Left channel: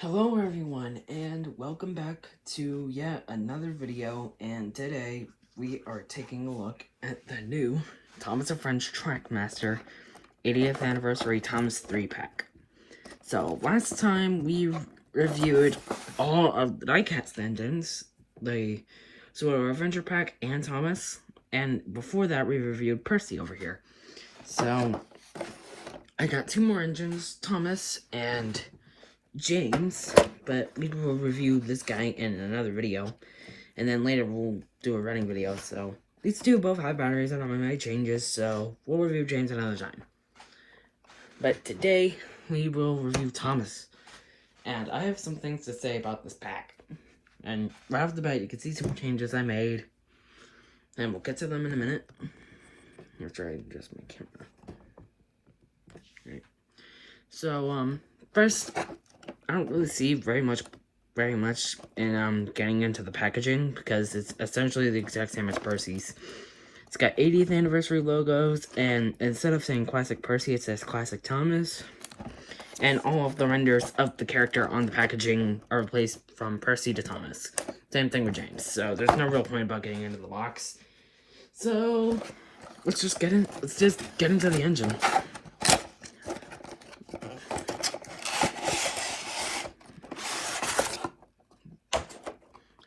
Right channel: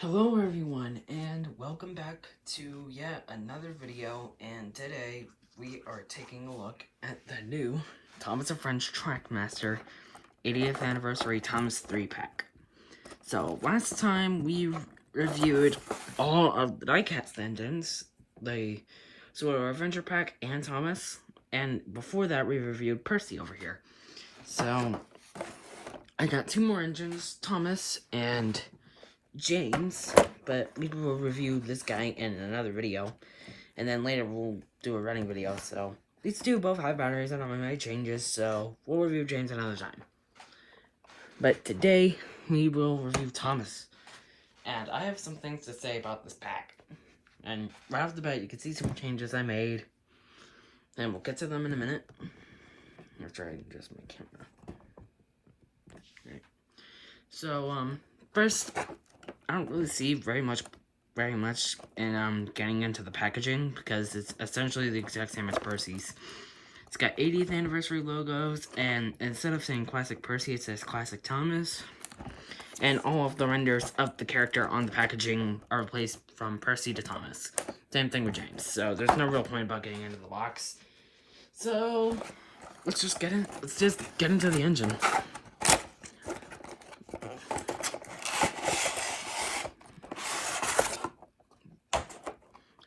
Hello everyone, and welcome back to yet another video, and today we are taking a look at the new Thomas & Friends Trackmaster 80th Anniversary Thomas 3-pack. So, last time we reviewed all of the diecast engines, the Solo Adventure Pack and Thomas, and before that we reviewed Percy over here. So, I got two more engines, Thomas and James, but we will review this guy in another video, and then later we'll do a running video. So these two both have batteries and I made changes, so we'll review James another time. But today we will review Thomas, and I have some things to say about this pack. And right off the bat, you can see some changes I made, and we'll get to them in a minute. After I adjust my camera. So first, I don't really see very much in getting into the packaging, because it's essentially the exact same as Percy's. It's got 80th anniversary logos, and instead of saying Classic Percy, it says Classic Thomas. And all of the renders of the character on the packaging are replaced from Percy to Thomas. Same thing with James. So there's no real point about getting into the box. So let's just get into the engine.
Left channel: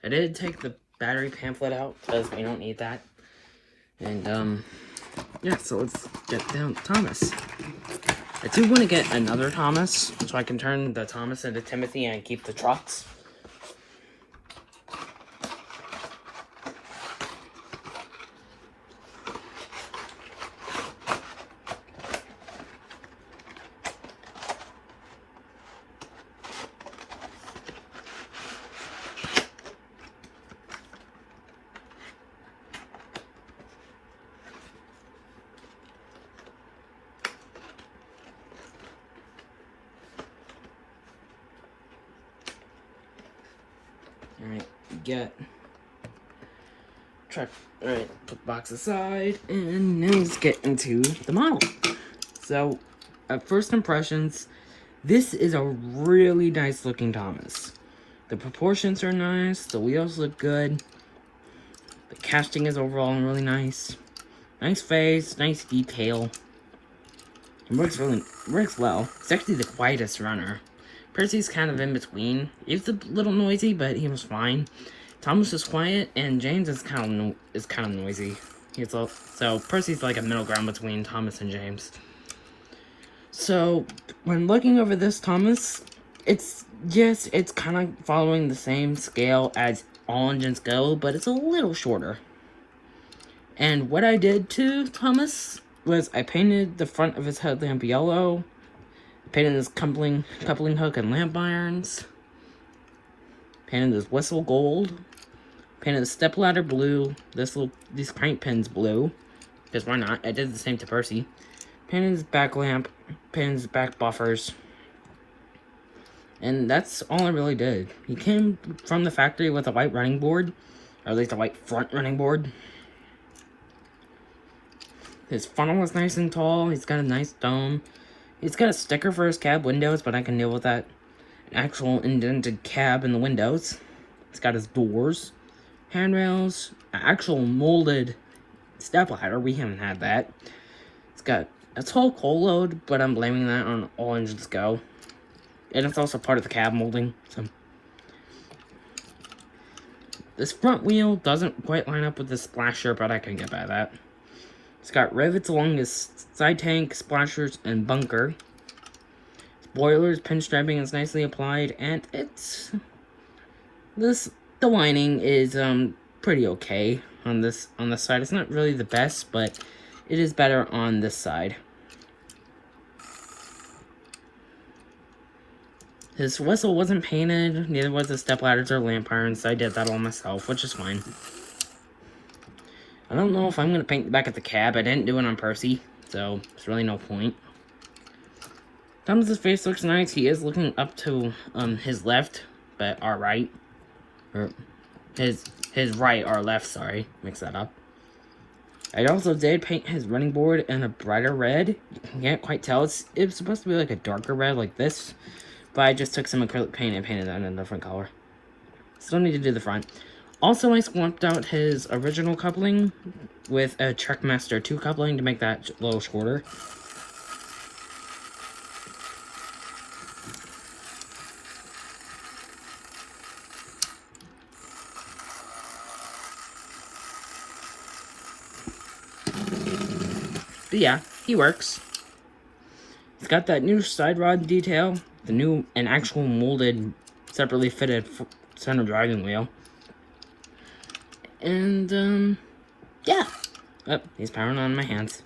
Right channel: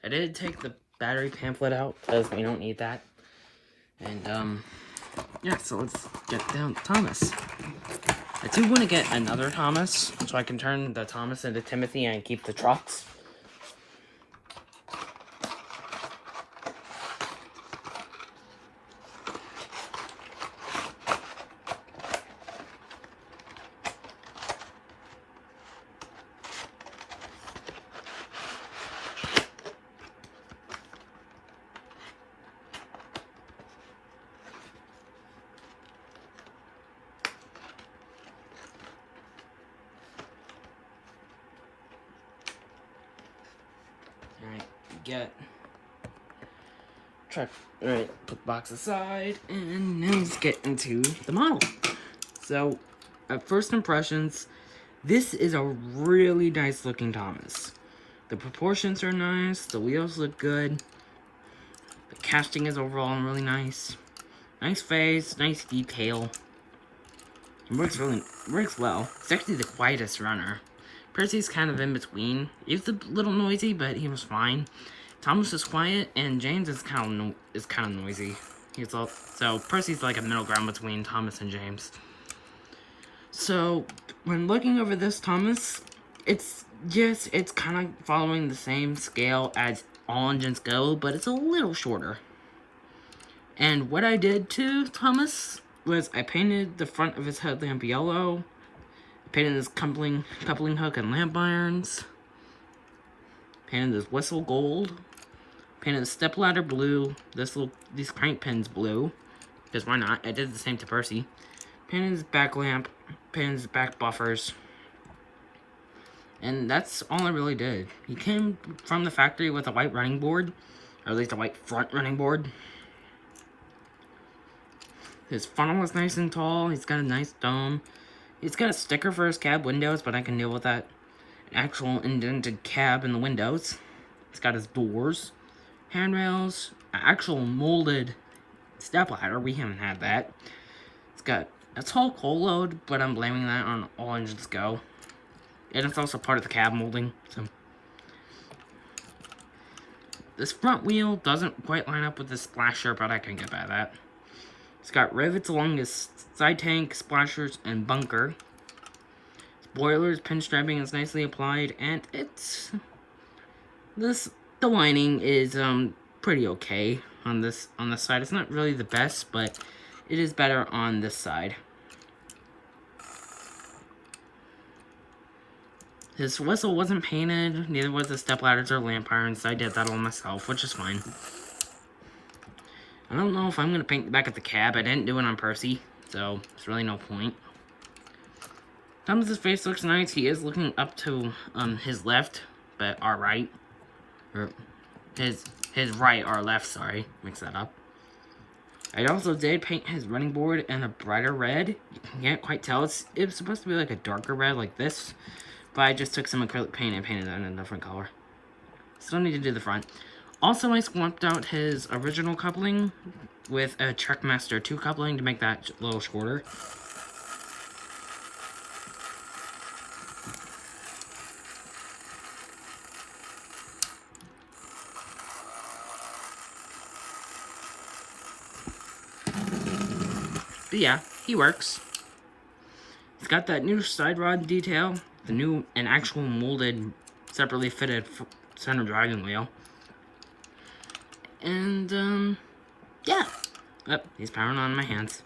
I did take the battery pamphlet out, because we don't need that. And, yeah, so let's get down to Thomas. I do want to get another Thomas, so I can turn the Thomas into Timothy and keep the trucks. Alright, alright, put the box aside, and now let's get into the model. So, at first impressions, this is a really nice looking Thomas. The proportions are nice, the wheels look good, the casting is overall really nice. Nice face, nice detail. It works well. It's actually the quietest runner. Percy's kind of in between. It's a little noisy, but he was fine. Thomas is quiet, and James is kind of noisy. So Percy's like a middle ground between Thomas and James. So when looking over this Thomas, it's kind of following the same scale as all engines go, but it's a little shorter. And what I did to Thomas was I painted the front of his headlamp yellow. Painted his coupling hook and lamp irons. Painted his whistle gold. Painted the stepladder blue. These crank pins blue, because why not? I did the same to Percy. Painted his back lamp. Painted his back buffers. And that's all I really did. He came from the factory with a white running board, or at least a white front running board. His funnel was nice and tall. He's got a nice dome. He's got a sticker for his cab windows, but I can deal with that. An actual indented cab in the windows. He's got his doors, handrails, an actual molded stepladder. We haven't had that. It's got a tall coal load, but I'm blaming that on all engines go. And it's also part of the cab molding. So this front wheel doesn't quite line up with the splasher, but I can get by that. It's got rivets along his side tank, splashers, and bunker. Spoilers, pinstriping is nicely applied, and the lining is pretty okay on this side. It's not really the best, but it is better on this side. His whistle wasn't painted, neither was the stepladders or lamp irons, so I did that all myself, which is fine. I don't know if I'm going to paint the back of the cab. I didn't do it on Percy, so there's really no point. Thomas's face looks nice. He is looking up to his left, but our right. Or his right, our left, sorry. Mix that up. I also did paint his running board in a brighter red. You can't quite tell. It's supposed to be like a darker red like this, but I just took some acrylic paint and painted that in a different color. Still need to do the front. Also, I swapped out his original coupling with a Trackmaster 2 coupling to make that a little shorter. But yeah, he works. It's got that new side rod detail, an actual molded, separately fitted center driving wheel. And, yeah. Oh, he's powering on my hands.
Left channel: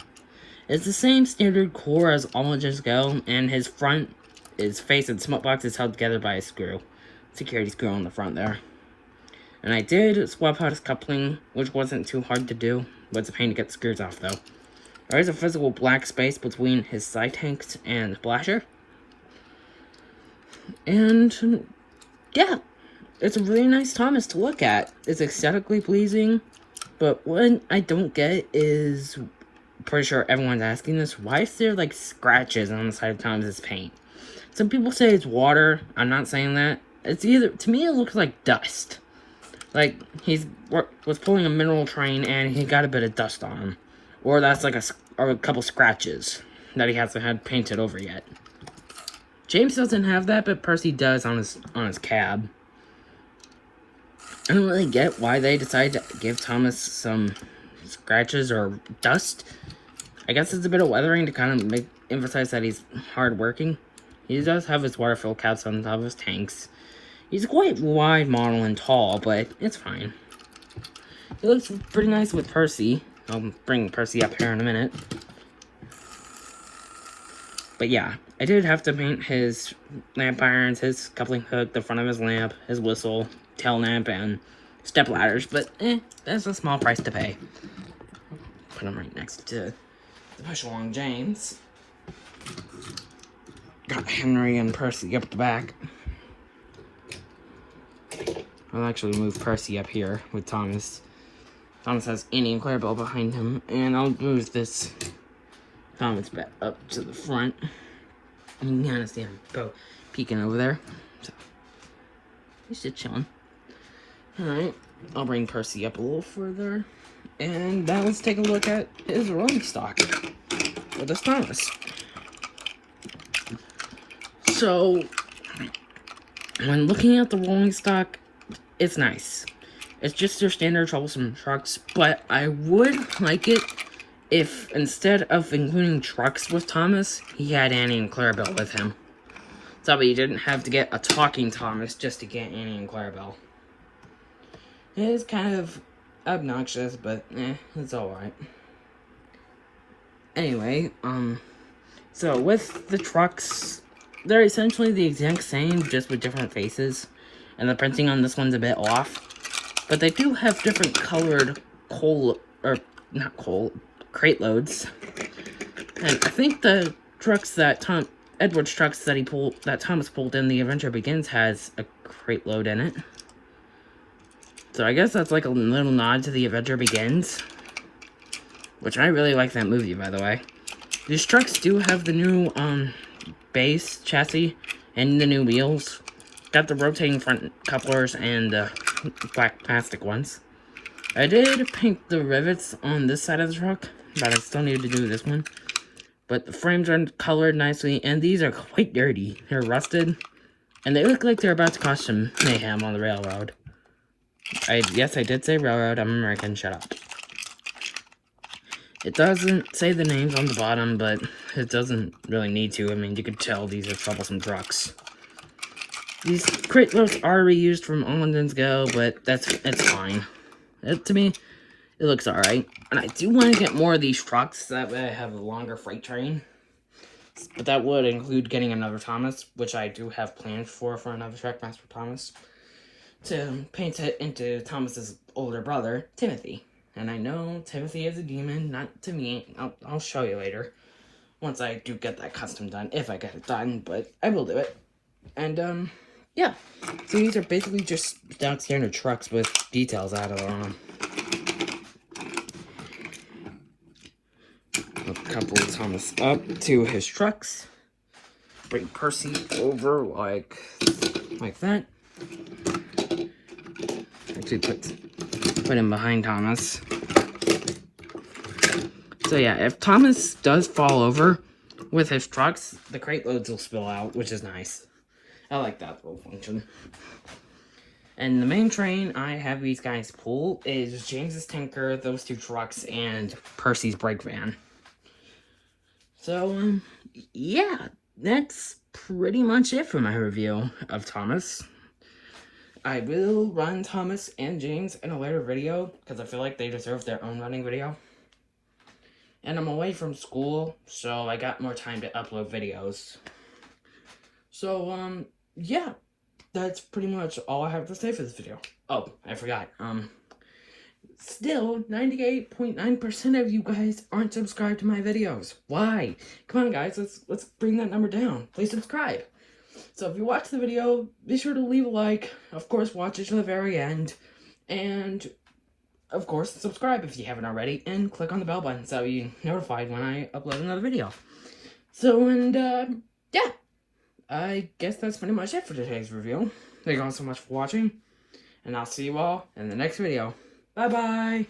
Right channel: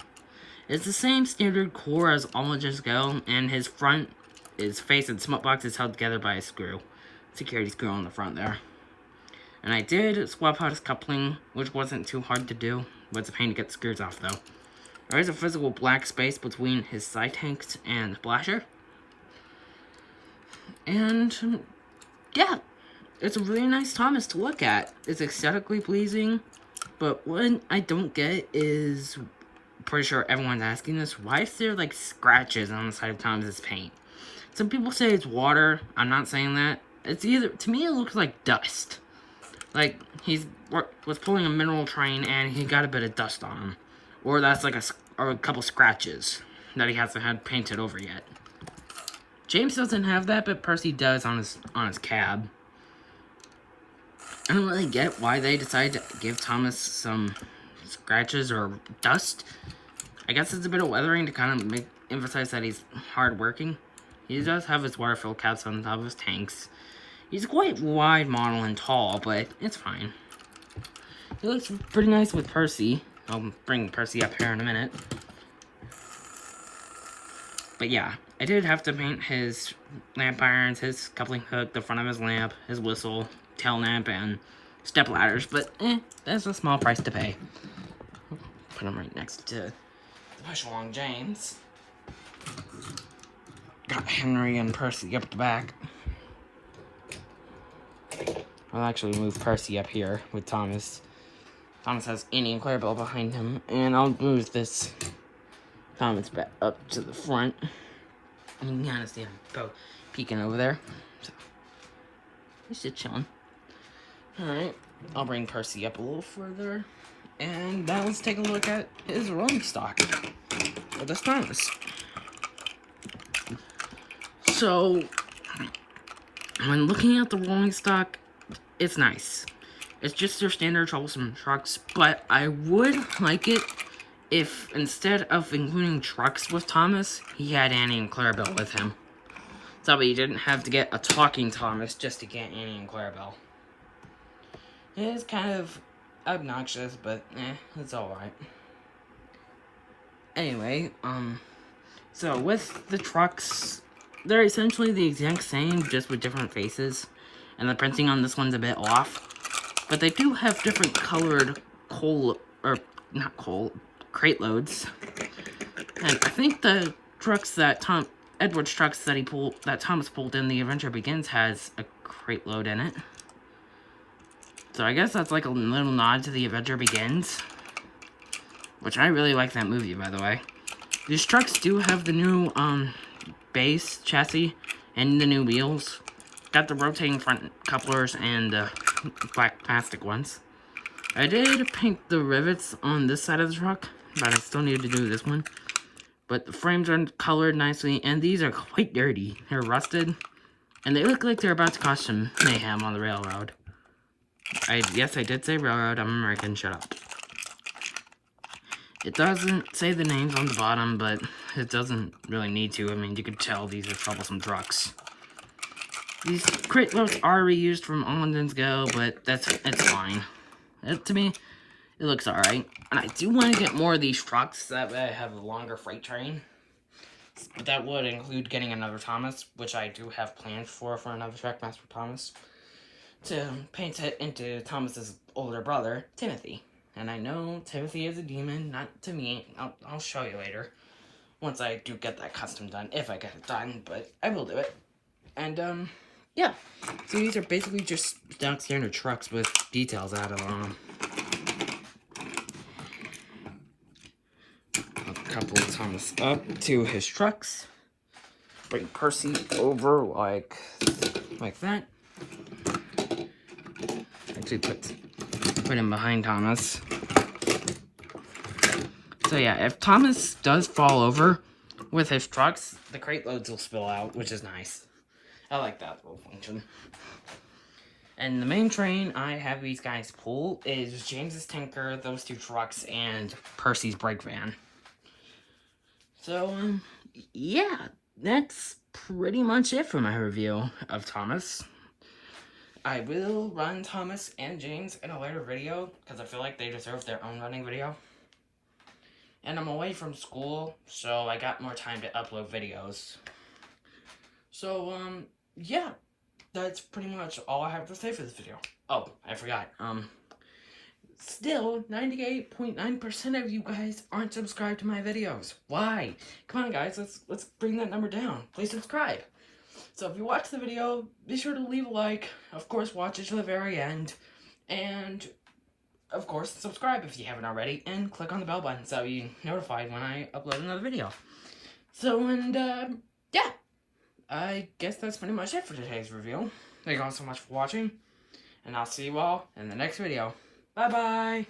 It's the same standard core as all engines go, and his face and smut box is held together by a screw. Security screw on the front there. And I did swap out his coupling, which wasn't too hard to do, but it's a pain to get the screws off though. There is a physical black space between his side tanks and splasher. And, yeah. It's a really nice Thomas to look at. It's aesthetically pleasing, but what I don't get is, pretty sure everyone's asking this, why is there like scratches on the side of Thomas's paint? Some people say it's water. I'm not saying that. It's either, to me it looks like dust. Like he was pulling a mineral train and he got a bit of dust on him. Or that's like a couple scratches that he hasn't had painted over yet. James doesn't have that, but Percy does on his cab. I don't really get why they decided to give Thomas some scratches or dust. I guess it's a bit of weathering to kind of emphasize that he's hardworking. He does have his water-filled caps on top of his tanks. He's quite wide model and tall, but it's fine. He looks pretty nice with Percy. I'll bring Percy up here in a minute. But yeah, I did have to paint his lamp irons, his coupling hook, the front of his lamp, his whistle, tail lamp, and step ladders, but that's a small price to pay. Put them right next to the push-along James. Got Henry and Percy up the back. I'll actually move Percy up here with Thomas. Thomas has Annie and Clarabelle behind him, and I'll move this Thomas back up to the front. And you can kind of see him go peeking over there. So, he's just chilling. Alright, I'll bring Percy up a little further. And now let's take a look at his rolling stock for this Thomas. So, when looking at the rolling stock, it's nice. It's just your standard troublesome trucks, but I would like it if instead of including trucks with Thomas, he had Annie and Clarabelle with him. So that you didn't have to get a talking Thomas just to get Annie and Clarabelle. It is kind of obnoxious, but it's alright. Anyway, so with the trucks, they're essentially the exact same, just with different faces. And the printing on this one's a bit off. But they do have different colored crate loads. And I think the trucks that Edward's trucks that Thomas pulled in The Adventure Begins has a crate load in it. So I guess that's like a little nod to The Adventure Begins. Which I really like that movie, by the way. These trucks do have the new base chassis and the new wheels. Got the rotating front couplers and black plastic ones. I did paint the rivets on this side of the truck, but I still need to do this one. But the frames are colored nicely, and these are quite dirty. They're rusted, and they look like they're about to cause some mayhem on the railroad. Yes, I did say railroad. I'm American. Shut up. It doesn't say the names on the bottom, but it doesn't really need to. I mean, you can tell these are troublesome trucks. These crate loads are reused from All Engines Go, but it's fine. To me, it looks alright. And I do want to get more of these trucks, that way I have a longer freight train. But that would include getting another Thomas, which I do have plans for another Trackmaster Thomas. To paint it into Thomas's older brother, Timothy. And I know Timothy is a demon, not to me. I'll show you later. Once I do get that custom done, if I get it done, but I will do it. And, yeah. So these are basically just standard trucks with details added on them. A couple Thomas up to his trucks. bring Percy over like that. Actually put him behind Thomas. So yeah, if Thomas does fall over with his trucks, the crate loads will spill out, which is nice. I like that little function. And the main train I have these guys pull is James's tanker, those 2 trucks, and Percy's brake van. So, yeah, that's pretty much it for my review of Thomas. I will run Thomas and James in a later video, because I feel like they deserve their own running video. And I'm away from school, so I got more time to upload videos. So, yeah, that's pretty much all I have to say for this video. Oh, I forgot, still, 98.9% of you guys aren't subscribed to my videos. Why? Come on, guys, let's bring that number down. Please subscribe. So if you watch the video, be sure to leave a like. Of course, watch it to the very end. And, of course, subscribe if you haven't already. And click on the bell button so you're notified when I upload another video. So, and, yeah. I guess that's pretty much it for today's review. Thank you all so much for watching. And I'll see you all in the next video. Bye-bye!